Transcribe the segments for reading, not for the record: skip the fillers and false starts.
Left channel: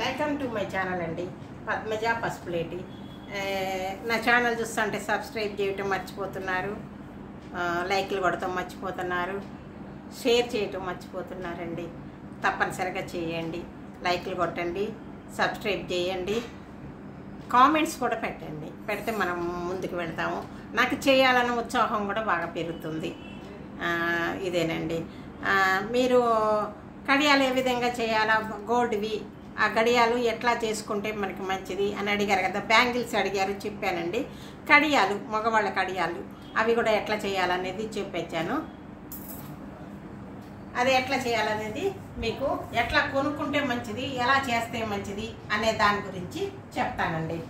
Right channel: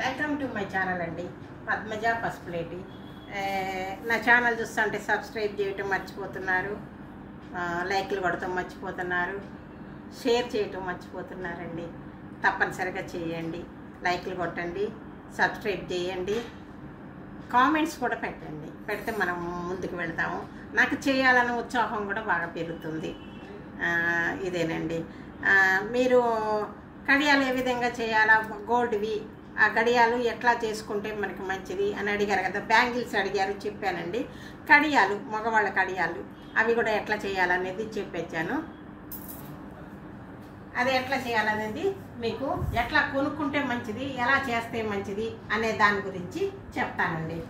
Welcome to my channel అండి, పద్మజ పసుపులేటి. నా channel చూస్తుంటే సబ్స్క్రైబ్ చేయటం మర్చిపోతున్నారు, లైక్లు కొడటం మర్చిపోతున్నారు, షేర్ చేయటం మర్చిపోతున్నారండి. తప్పనిసరిగా చేయండి, లైక్లు కొట్టండి, సబ్స్క్రైబ్ చేయండి, కామెంట్స్ కూడా పెట్టండి. పెడితే మనం ముందుకు వెళ్తాము. నాకు చేయాలన్న ఉత్సాహం కూడా బాగా పెరుగుతుంది. ఇదేనండి. మీరు కడియాలు ఏ విధంగా చేయాలా, గోల్డ్వి ఆ గడియాలు ఎట్లా చేసుకుంటే మనకి మంచిది అని అడిగారు కదా, బ్యాంగిల్స్ అడిగారు, చెప్పానండి. కడియాలు, మగవాళ్ళ కడియాలు అవి కూడా ఎట్లా చేయాలనేది చెప్పొచ్చాను. అది ఎట్లా చేయాలనేది మీకు ఎట్లా కొనుక్కుంటే మంచిది, ఎలా చేస్తే మంచిది అనే దాని గురించి చెప్తానండి.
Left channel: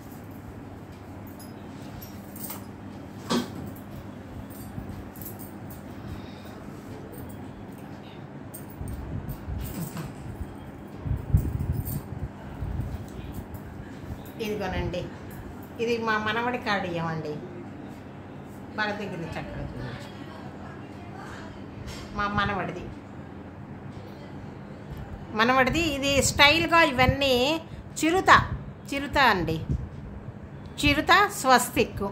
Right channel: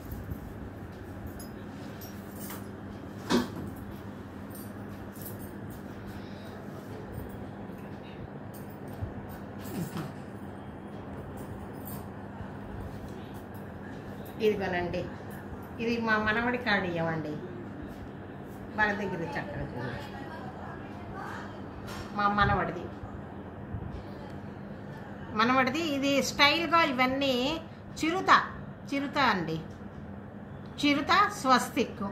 ఇదిగోనండి, ఇది మా మనవడి కడియం అండి. బాగా దగ్గర చక్కగా చూడవచ్చు, మా మనవడిది ఇది స్టైల్గా. ఇవన్నీ చిరుత అండి, చిరుత స్వస్తిక్.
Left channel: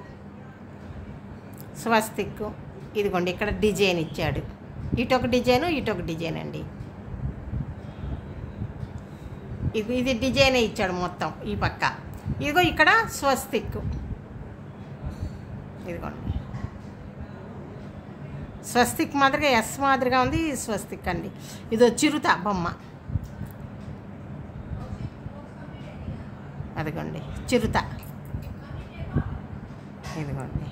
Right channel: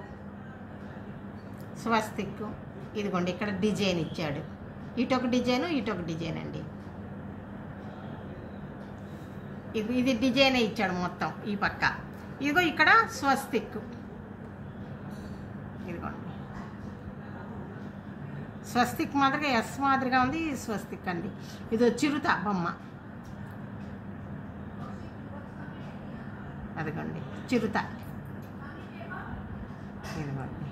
ఇదిగోండి, ఇక్కడ డిజైన్ ఇచ్చాడు, ఇటొక డిజైన్ అండి. ఇది డిజైనే ఇచ్చాడు మొత్తం ఈ పక్క. ఇదిగో ఇక్కడ స్వస్తిక్, ఇదిగోండి స్వస్తిక్ మాదిరిగా ఎస్ మాదిరిగా ఉంది. స్వస్తిక్ అండి. ఇదో చిరుత బొమ్మ, అదిగోండి చిరుత. ఇదిగోండి,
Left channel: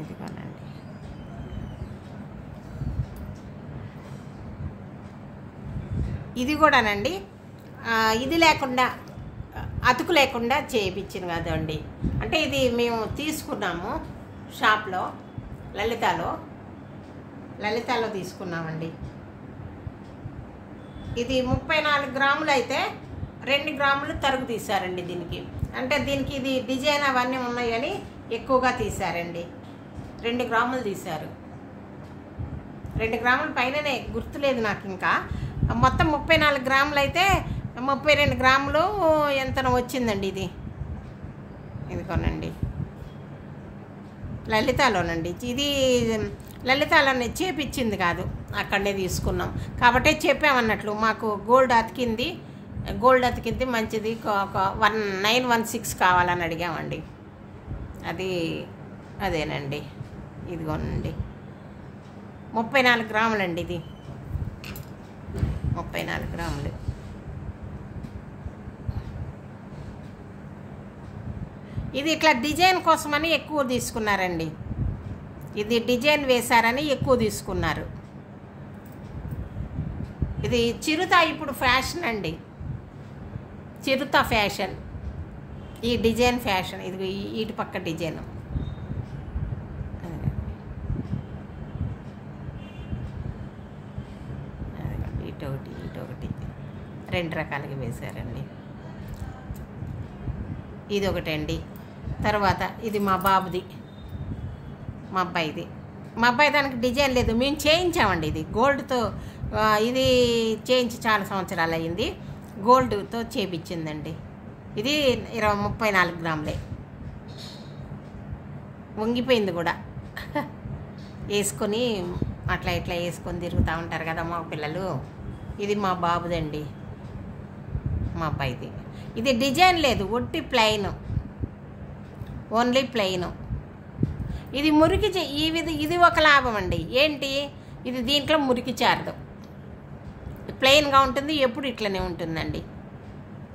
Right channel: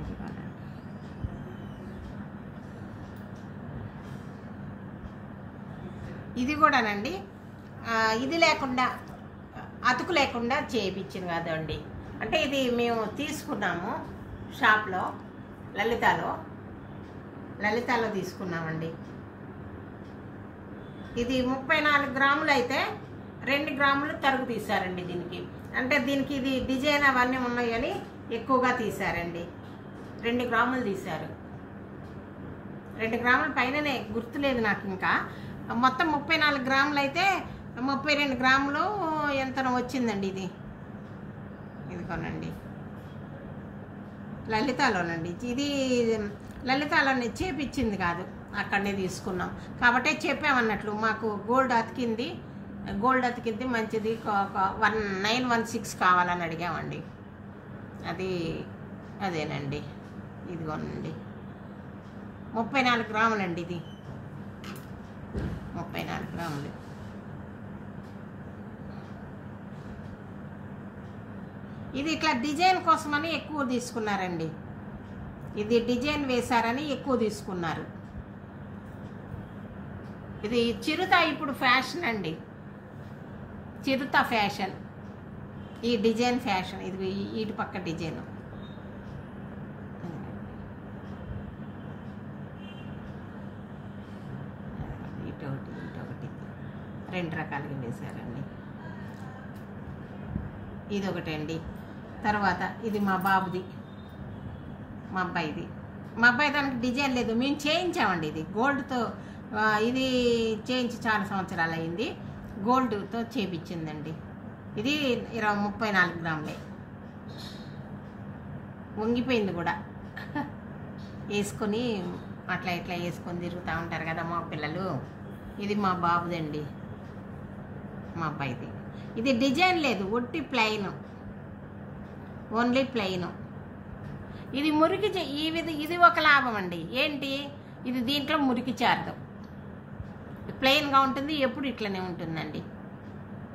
ఇదిగోనండి. ఇది కూడానండి, ఇది లేకుండా, అతుకు లేకుండా చేయించింది కదండి. అంటే ఇది మేము తీసుకున్నాము షాప్లో, లలితాలో తీసుకున్నామండి. ఇది 34 గ్రాములు అయితే 2 గ్రాములు తరుగు తీశారండి దీనికి. అంటే దీనికి ఇది డిజైన్ అవన్నీ ఉన్నాయి కానీ ఎక్కువగా తీశారండి. 2 గ్రాములు తీశారు. 2 గ్రాముల పైననే, గుర్తులేదు నాకు ఇంకా. మొత్తం 34 గ్రాములు అయితే 32 గ్రాములు ఎంతనో వచ్చిందండి. ఇదిగోనండి, లలితాలోనండి. ఇది లలితాలోనే చేపించింది కాదు, అక్కడనే తీసుకున్నాం కాబట్టి చెప్పామన్నట్లు. మాకు గోల్డ్ అతికింది మంచిది, ఒక 1916 కావాలని అడిగామండి. అదేనండి. ఇదిగోనండి 34 గ్రాములండి. ఇది 34 గ్రాములు. ఇది ఇట్లా డిజైన్ కోసమని ఎక్కువ తీసుకున్నారండి. ఇది డిజైన్ వేశారని ఎక్కువ తీసుకున్నారు. ఇది చిరుత ఇప్పుడు ఫ్యాషన్ అండి, చిరుత ఫ్యాషన్, ఈ డిజైన్ ఫ్యాషన్. ఇది ఇటు పక్క డిజైన్. ఇటొకటి 2 రకాలుగా వేశారండి. ఇది ఒకటండి. తర్వాత ఇది మా బాబుది, మా అబ్బాయి దానికి డిజైన్ లేదు, మేము చేయించామండి. ఇది గోల్డ్తో, ఇది చేయించి చాలా సంవత్సరాలు అయ్యింది. గోల్డ్తో చేపించిందండి. ఇది 34 గ్రాములే. వంగిపోయింది కూడా, వేసుకొని అట్లా ఇట్లా వేసుకొని తిరుగుతూ ఉంటారు కదా మా పిల్లలు. ఇది మా బాబుదండి, మా అబ్బాయిది. ఇది డిజైన్ లేదు, ఒట్టి ప్లెయిన్, ఓన్లీ ప్లెయిన్. ఇది మురికి ఇది ఒక లాభం అండి. ఏంటి, ఇది దీంట్లో మురికి చారదు, ప్లెయిన్గా ఉంటుంది. ఎప్పుడు ఇట్లనే ఉంటుందండి,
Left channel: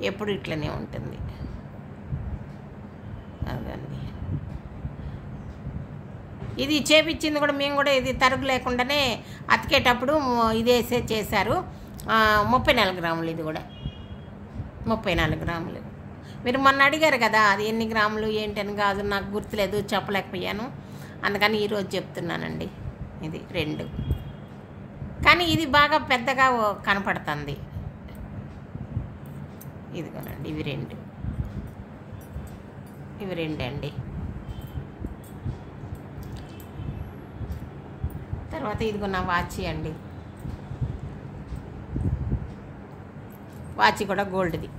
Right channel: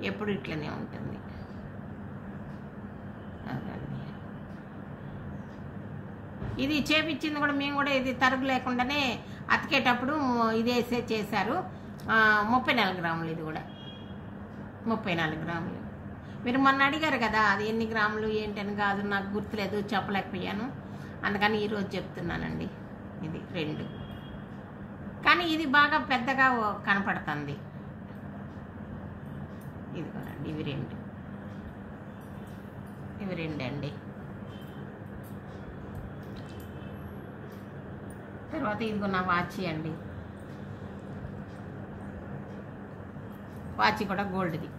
ఎప్పుడు ఇట్లనే ఉంటుంది. అదండి, ఇది చేపించింది కూడా మేము కూడా. ఇది తరుగు లేకుండానే అతికేటప్పుడు ఇది వేసే చేశారు. 34 గ్రాములు. ఇది కూడా 34 గ్రాములు. మీరు మొన్న అడిగారు కదా, అది ఎన్ని గ్రాములు ఏంటని కాదు, నాకు గుర్తులేదు, చెప్పలేకపోయాను. అందుకని ఈరోజు చెప్తున్నానండి. ఇది 2, కానీ ఇది బాగా పెద్దగా కనపడుతుంది. ఇదిగోనండి, ఇవి 2 అండి. తర్వాత ఇదిగో నా వాచ్ అండి. వాచ్ కూడా గోల్డ్ది.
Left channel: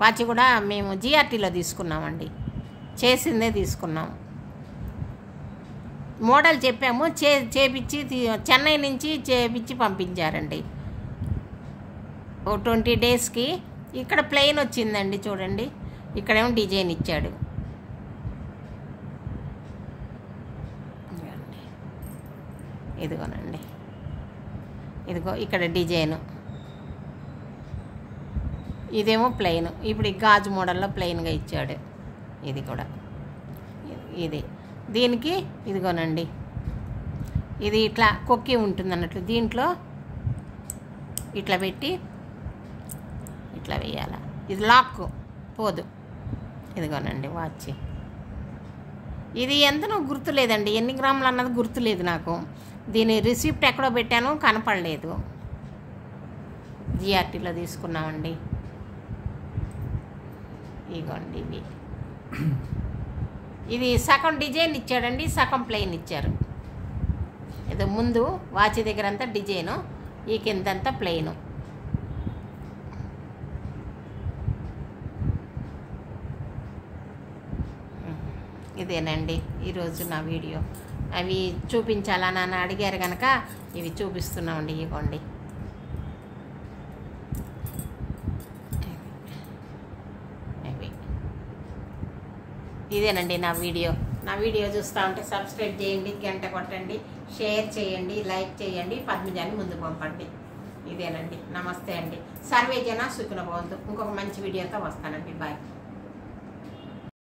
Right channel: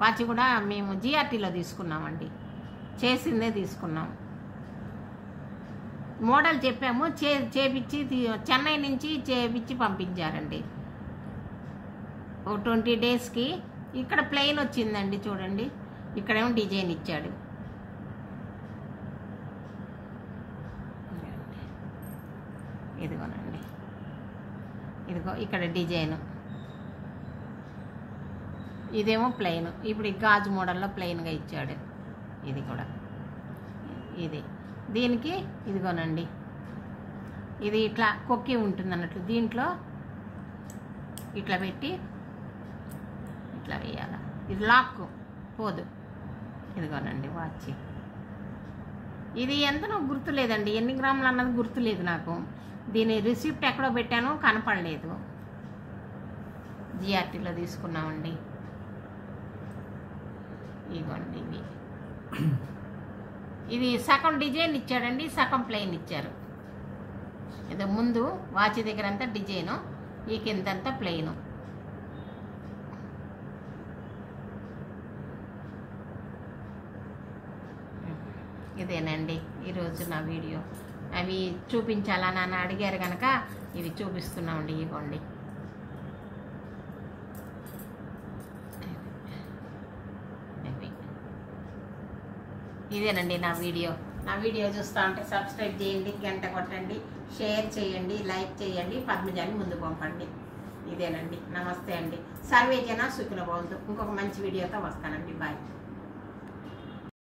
వాచ్ కూడా మేము జిఆర్టీలో తీసుకున్నామండి, చేసిందే తీసుకున్నాము. మోడల్ చెప్పాము, చేపించి చెన్నై నుంచి చేపించి పంపించారండి. ఓ 20 డేస్కి. ఇక్కడ ప్లెయిన్ వచ్చిందండి చూడండి, ఇక్కడేమో డిజైన్ ఇచ్చాడు. ఇదిగోనండి, ఇదిగో ఇక్కడ డిజైను, ఇదేమో ప్లెయిన్. ఇప్పుడు ఈ గాజు మోడల్లో ప్లెయిన్గా ఇచ్చాడు. ఇది కూడా ఇది దీనికి ఇదిగోనండి, ఇది ఇట్లా కొక్కి ఉంటుంది అన్నట్లు, దీంట్లో ఇట్లా పెట్టి ఇట్లా వేయాల. ఇది లాక్ పోదు. ఇదిగోనండి వాచ్. ఇది ఎంతనో గుర్తులేదండి, ఎన్ని గ్రాములు అన్నది గుర్తులేదు నాకు. దీని రిసిప్ట్ ఎక్కడో పెట్టాను, కనపడలేదు. జిఆర్టీలో తీసుకున్నామండి. ఇదిగోండి ఇవి. ఇది సగం డిజైన్ ఇచ్చాడండి, సగం ప్లెయిన్ ఇచ్చారు. ఏదో ముందు వాచ్ దగ్గర అంతా డిజైను, ఈ కిందంతా ప్లెయిను. ఇదేనండి ఈరోజు నా వీడియో. అవి చూపించాలా నన్ను అడిగారు కనుక ఇవి చూపిస్తున్నామండి. ఇవ్వండి, ఇదేనండి నా వీడియో. నా వీడియో చూస్తూ ఉంటే సబ్స్క్రైబ్ చేయండి, గంట కొట్టండి, షేర్ చేయండి, లైక్ చేయండి, పద్మజాని ముందు పంపండి. ఇదేనండి. నమస్తే అండి. సర్వే జన సుఖినో భవంతు. ఇంకొక మంచి వీడియోతో వస్తానండి. బాయ్.